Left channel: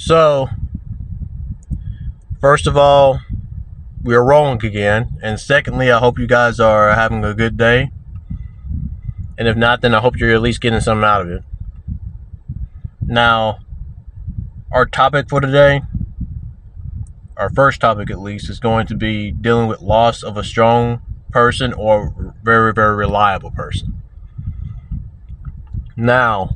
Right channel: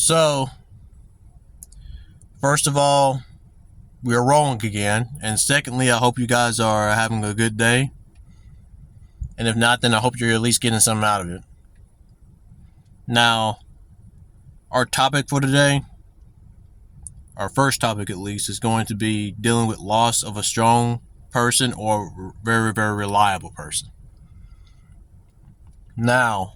So, first of all, we are rolling again. And secondly, I hope you guys are having a good day. And if not, then I hope you're at least getting something out of it. Now, our topic for today, our first topic at least, is going to be dealing with loss of a strong person or very, very reliable person. Now,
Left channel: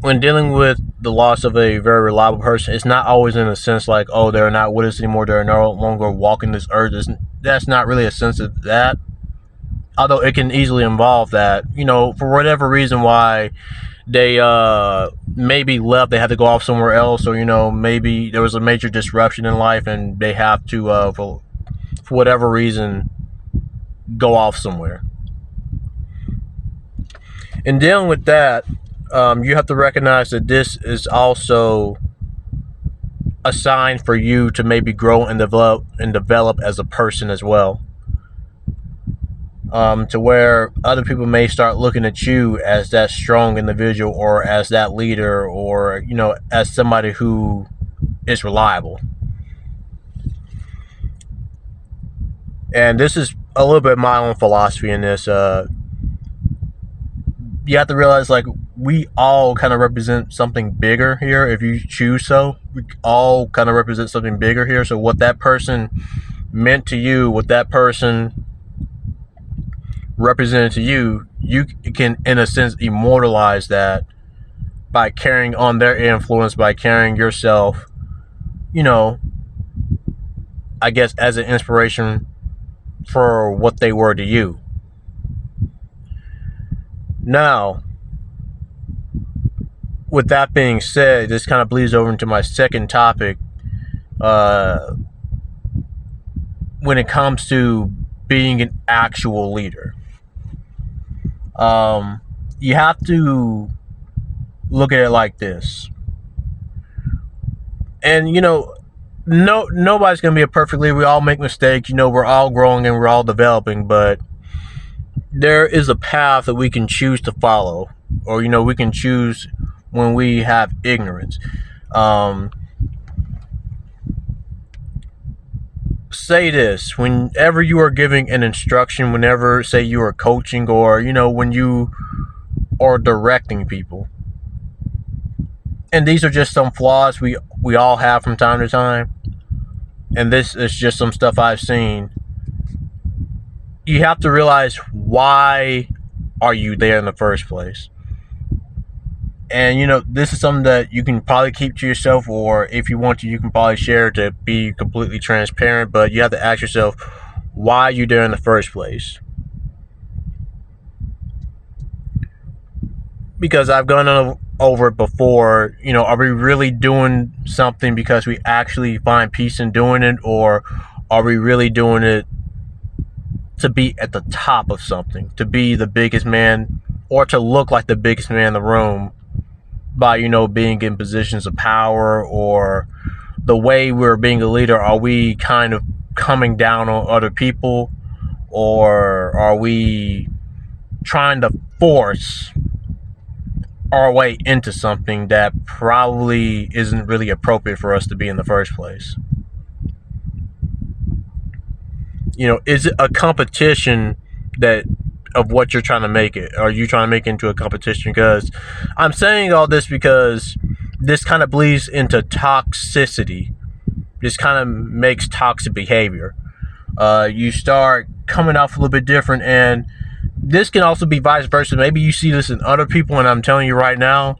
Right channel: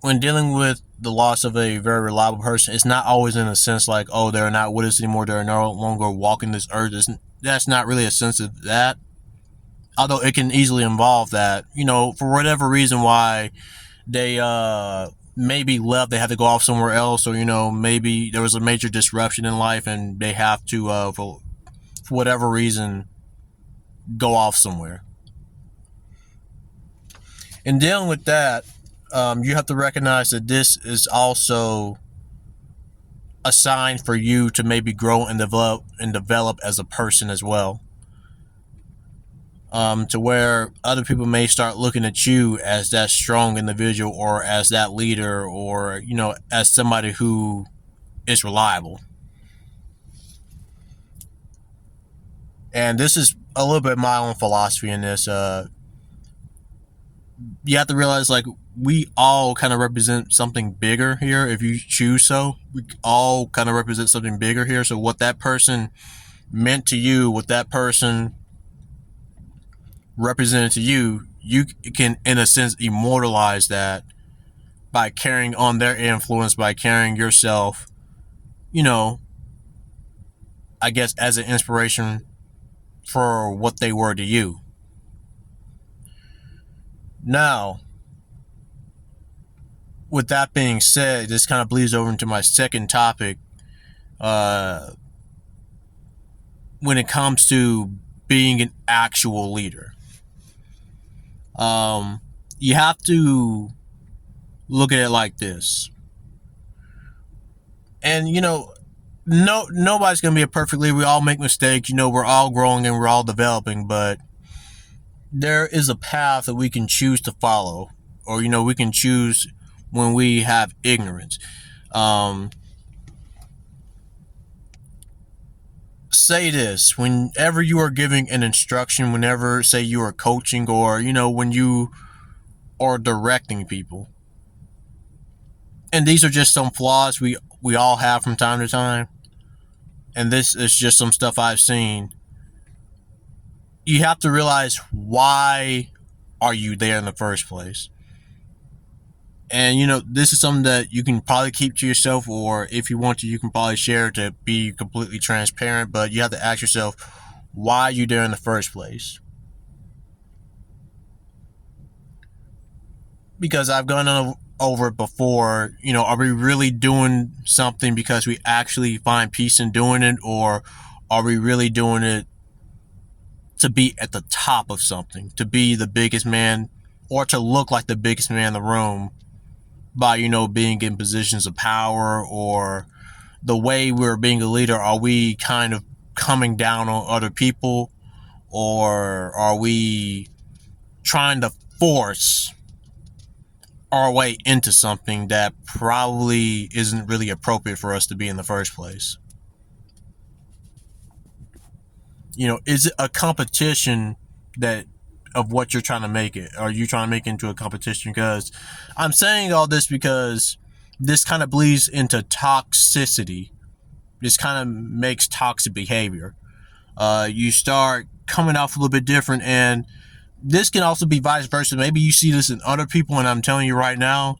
when dealing with the loss of a very reliable person, it's not always in a sense like, oh, they're not with us anymore, they're no longer walking this earth. That's not really a sense of that. Although it can easily involve that, for whatever reason why they maybe left, they had to go off somewhere else, or maybe there was a major disruption in life and they have to, for whatever reason, go off somewhere. In dealing with that, you have to recognize that this is also a sign for you to maybe grow and develop as a person as well. To where other people may start looking at you as that strong individual or as that leader or, as somebody who is reliable. And this is a little bit my own philosophy in this. You have to realize, like, we all kind of represent something bigger here if you choose so. We all kind of represent something bigger here. So what that person meant to you, what that person represented to you, you can, in a sense, immortalize that by carrying on their influence, by carrying yourself, I guess, as an inspiration for what they were to you. Now, with that being said, this kind of bleeds over into my second topic. When it comes to being an actual leader, you have to look at it like this. And, nobody's going to be a perfect leader. We all make mistakes. We're all growing and we're all developing, but there is a path that we can choose to follow, or, we can choose when we have ignorance. Say this, whenever you are giving an instruction, whenever, say, you are coaching, or, when you are directing people, and these are just some flaws we all have from time to time, and this is just some stuff I've seen. You have to realize, why are you there in the first place? And, this is something that you can probably keep to yourself, or if you want to, you can probably share to be completely transparent, but you have to ask yourself, why are you there in the first place? Because I've gone over it before, are we really doing something because we actually find peace in doing it, or are we really doing it to be at the top of something, to be the biggest man, or to look like the biggest man in the room by, being in positions of power? Or the way we're being a leader, are we kind of coming down on other people, or are we trying to force our way into something that probably isn't really appropriate for us to be in the first place? Is it a competition of what you're trying to make it? Are you trying to make it into a competition? Because I'm saying all this because this kind of bleeds into toxicity. This kind of makes toxic behavior. You start coming off a little bit different, and this can also be vice versa. Maybe you see this in other people, and I'm telling you right now,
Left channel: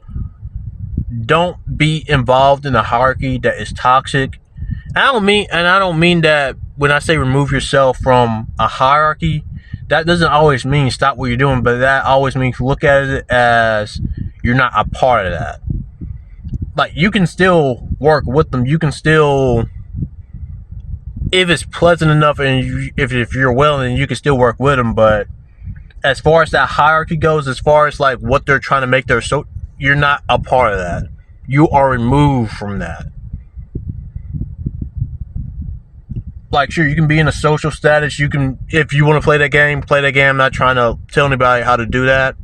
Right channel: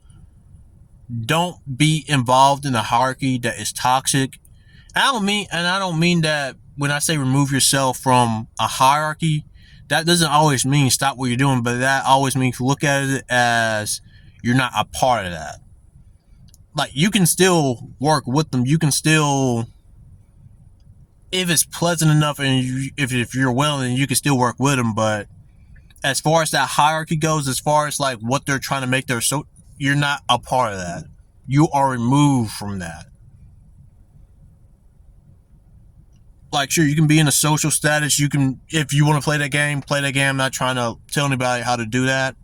don't be involved in a hierarchy that is toxic. I don't mean that when I say remove yourself from a hierarchy, that doesn't always mean stop what you're doing, but that always means look at it as you're not a part of that. Like, you can still work with them. You can still, if it's pleasant enough and if you're willing, you can still work with them. But as far as that hierarchy goes, as far as like what they're trying to make you're not a part of that. You are removed from that. Like, sure, you can be in a social status. You can, if you want to play that game, play that game. I'm not trying to tell anybody how to do that.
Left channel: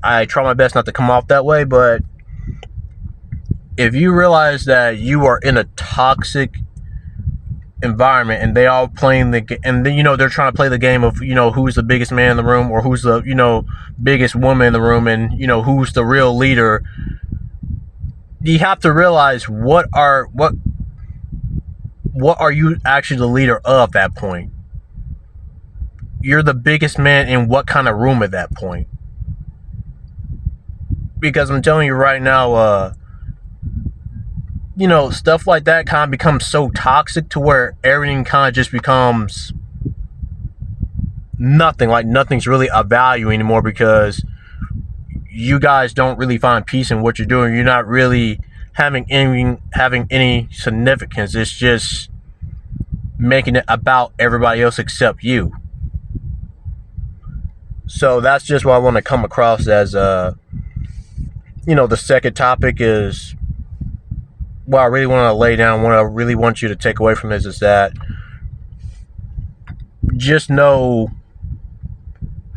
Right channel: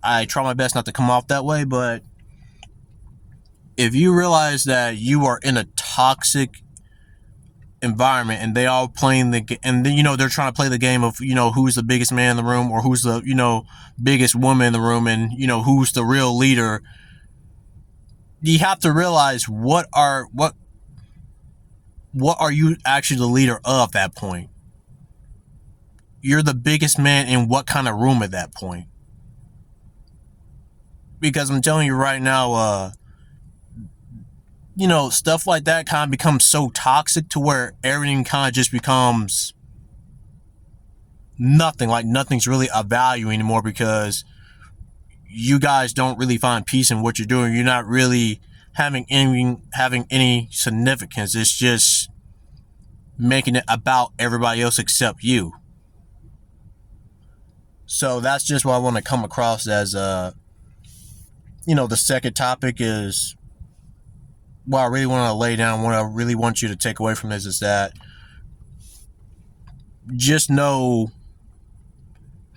I try my best not to come off that way, but if you realize that you are in a toxic environment and they all playing and then they're trying to play the game of who's the biggest man in the room or who's the biggest woman in the room and who's the real leader, you have to realize what are you actually the leader of at that point. You're the biggest man in what kind of room at that point? Because I'm telling you right now, stuff like that kind of becomes so toxic to where everything kind of just becomes nothing. Like nothing's really of value anymore because you guys don't really find peace in what you're doing. You're not really having any significance. It's just making it about everybody else except you. So that's just what I want to come across as. The second topic is what I really want to lay down. What I really want you to take away from this is that just know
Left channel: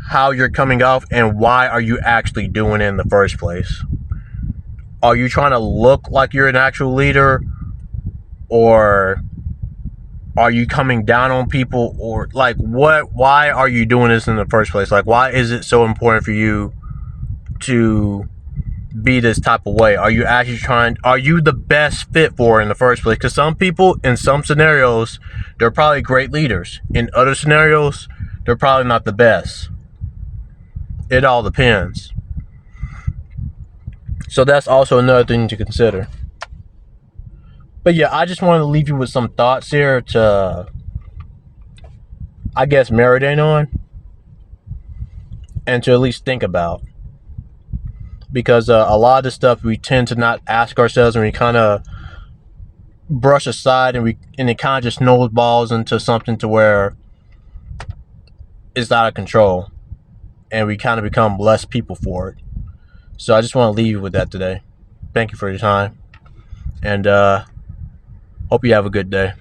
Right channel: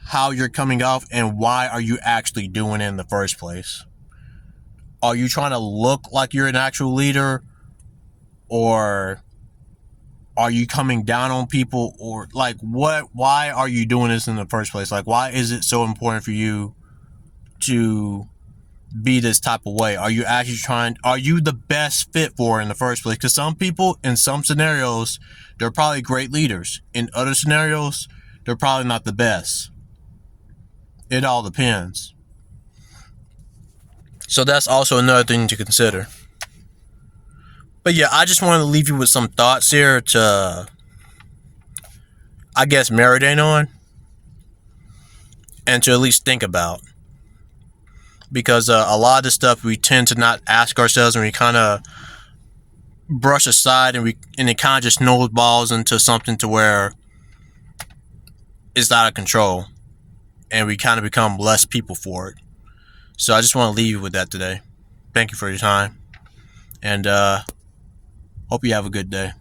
how you're coming off and why are you actually doing it in the first place. Are you trying to look like you're an actual leader, or are you coming down on people, or like why are you doing this in the first place? Like, why is it so important for you to be this type of way? Are you the best fit for it in the first place? Because some people in some scenarios, they're probably great leaders. In other scenarios, they're probably not the best. It all depends. So that's also another thing to consider. But yeah, I just wanted to leave you with some thoughts here to, I guess, marinate on and to at least think about. Because a lot of this stuff we tend to not ask ourselves, and we kind of brush aside, and it kind of just snowballs into something to where it's out of control, and we kind of become less people for it. So I just want to leave you with that today. Thank you for your time, and hope you have a good day.